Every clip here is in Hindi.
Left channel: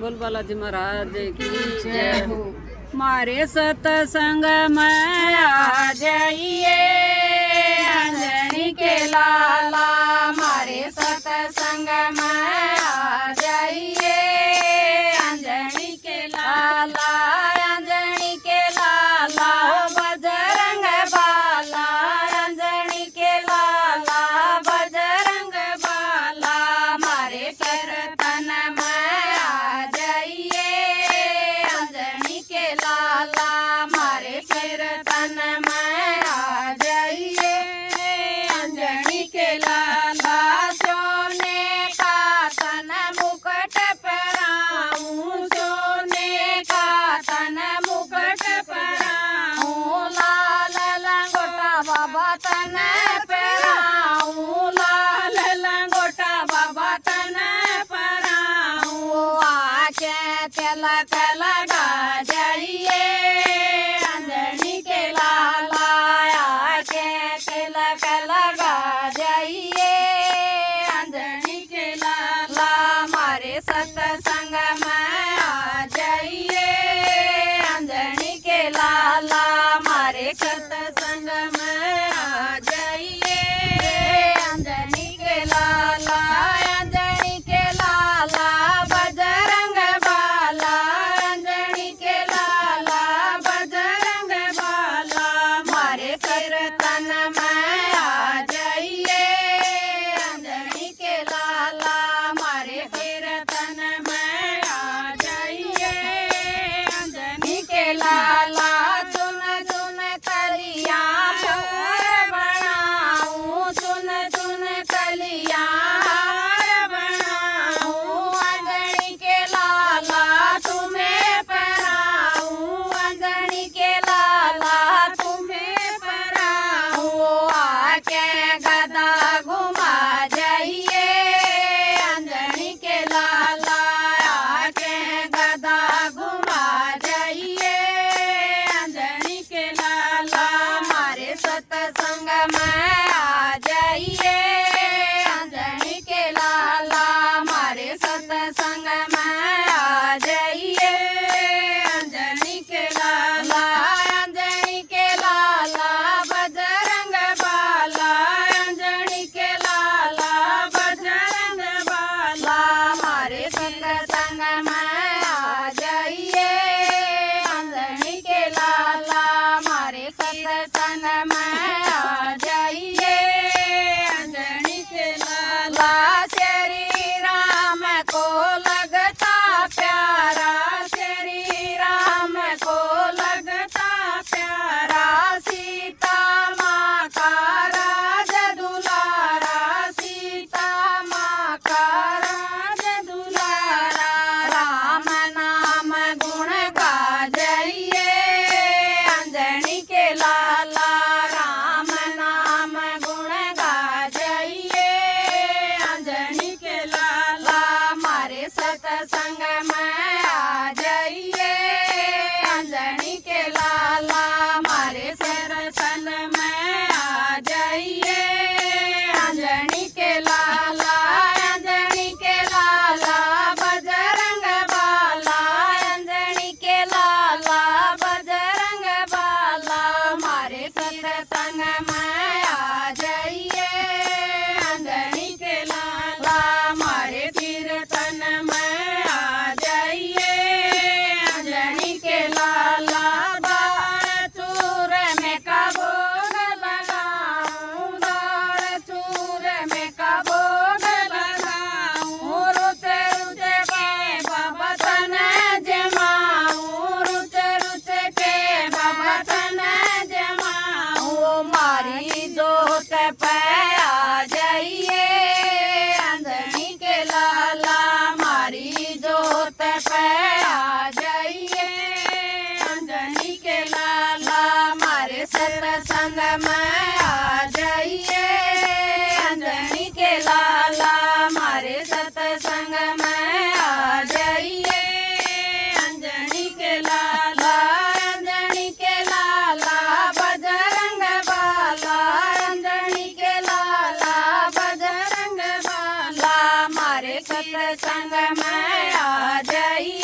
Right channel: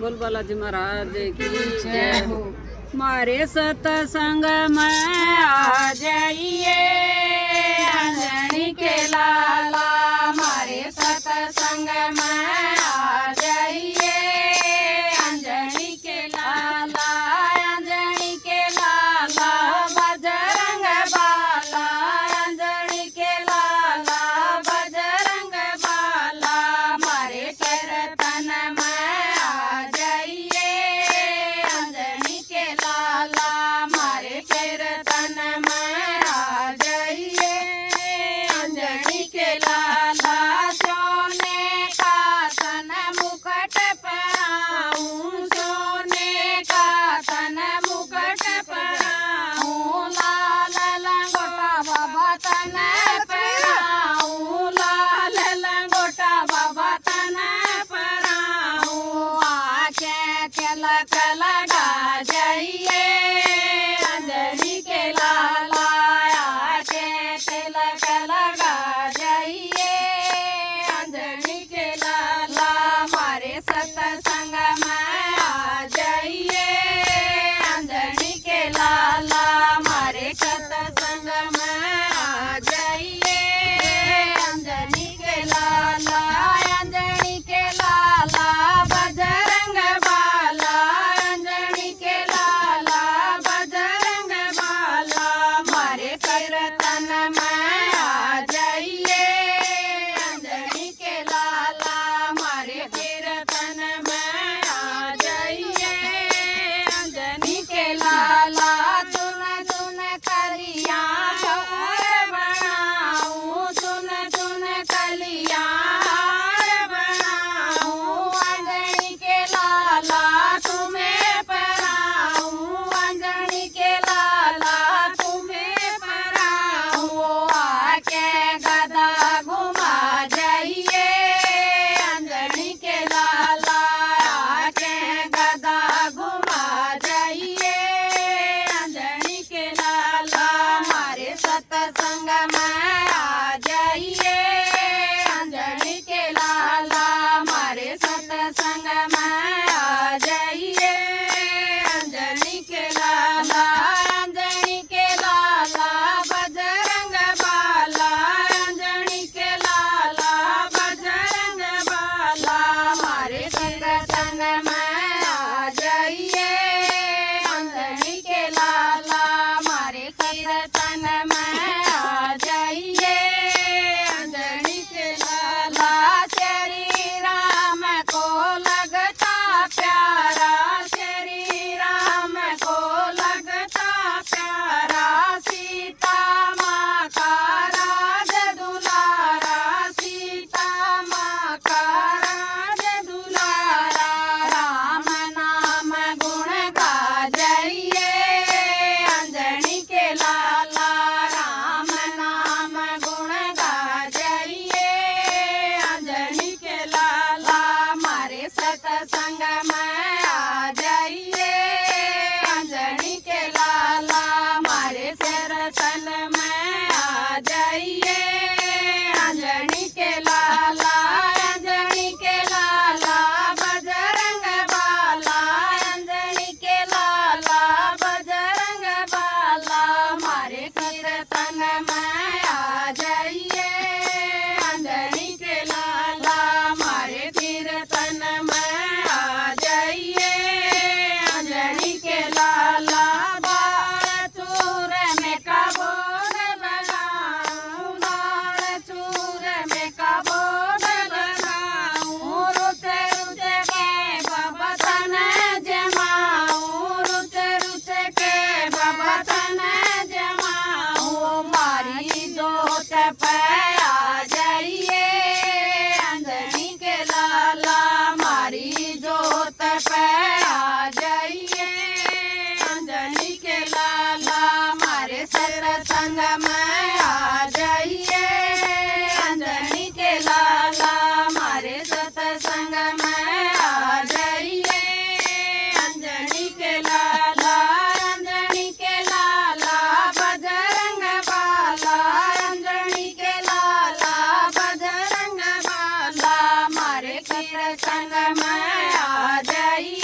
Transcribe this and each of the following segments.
बोल बालाजी महाराज की जय हो। मारे सत्संग में आ जाइए अंजनी के लाला, मारे सत्संग में आ जाइए अंजनी के लाला, अंजनी के लाला बजरंग बाला, अंजनी के लाला बजरंग बाला, मारे कीर्तन में आ जाइए अंजनी के लाला, मारे कीर्तन में आ जाइए अंजनी के लाला। सोने का तन मुकुट पहनाऊं, सोने का तन मुकुट पहनाऊं, लाल लंगोटा बाबा तन पहनाऊं, लाल लंगोटा बाबा तन पहनाऊं, आंखें तिलक लगा जाइए अंजनी के लाला, आंखें तिलक लगा जाइए अंजनी के लाला, मारे सत्संग में आ जाइए अंजनी के लाला, मारे सत्संग में आ जाइए अंजनी के लाला, अंजनी के लाला बजरंग बाला, अंजनी के लाला बजरंग बाला, मारे कीर्तन में आ जाइए अंजनी के लाला, मारे कीर्तन में आ जाइए अंजनी के लाला। चुन चुन कलिया हार बनाऊं, चुन चुन कलिया हार बनाऊं, अंजनी के लाला तुम्हें पहनाऊं, अंजनी के लाला तुम्हें पहनाऊं, आके गदा घुमा जाइए अंजनी के लाला, आके गदा घुमा जाइए अंजनी के लाला, मारे सत्संग में आ जाइए अंजनी के लाला, मारे सत्संग में आ जाइए अंजनी के लाला, अंजनी के लाला बजरंग बाला, अंजनी के लाला बजरंग बाला, मारे कीर्तन में आ जाइए अंजनी के लाला, मारे कीर्तन में आ जाइए अंजनी के लाला। श्री राम को लगता प्यारा, श्री राम को लगता प्यारा, सीता माँ का राज दुलारा, सीता माँ का राज दुलारा, राम नाम गुण गा जाइए अंजनी के लाला, राम नाम गुण गा जाइए अंजनी के लाला, मारे सत्संग में आ जाइए अंजनी के लाला, मारे कीर्तन में आ जाइए अंजनी के लाला, अंजनी के लाला बजरंग बाला, अंजनी के लाला बजरंग बाला, मारे कीर्तन में आ जाइए अंजनी के लाला, मारे कीर्तन में आ जाइए अंजनी के लाला। दाल चूर में का भोग लगाऊं, दाल चूर में का भोग लगाऊं, रुच रुच के बाबा तन जमाऊं, रुच रुच के बाबा तन जमाऊं, मारी जोत पे आ जाइए अंजनी के लाला, मारी जोत पे आ जाइए अंजनी के लाला, मारे सत्संग में आ जाइए अंजनी के लाला, मारे सत्संग में आ जाइए अंजनी के लाला, अंजनी के लाला बजरंग बाला, अंजनी के लाला बजरंग बाला, मारे कीर्तन में आ जाइए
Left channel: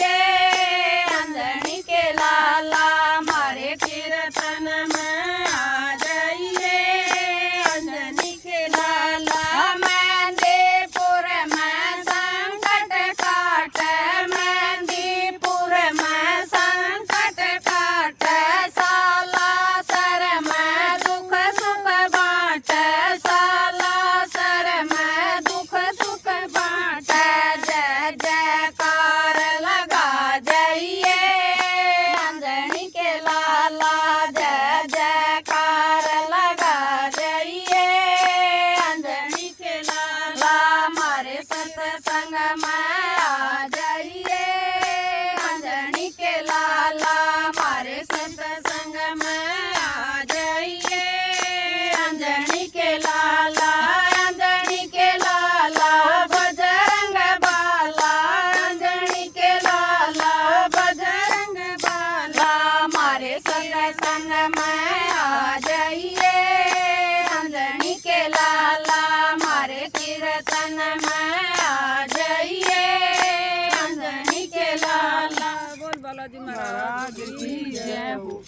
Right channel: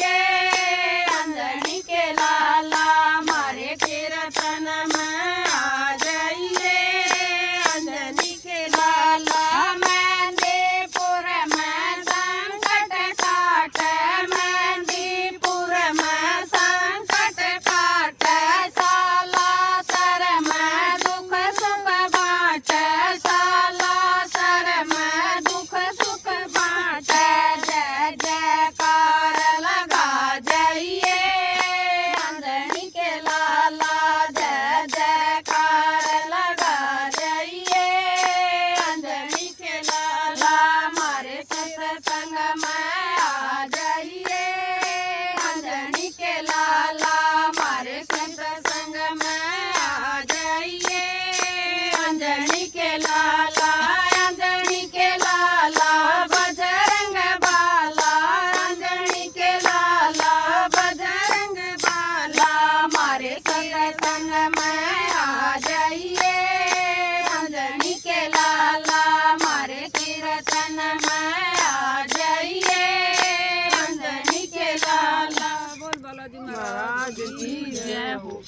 में आ जाइए अंजनी के लाला हमारे सत्संग में आ जाइए अंजनी के लाला अंजनी के लाला बजरंग बाला अंजनी के लाला बजरंग बाला हमारे सत्संग में आ जाइए अंजनी के लाला हमारे कीर्तन में आ जाइए अंजनी के लाला। बोल बालाजी महाराज की जय हो।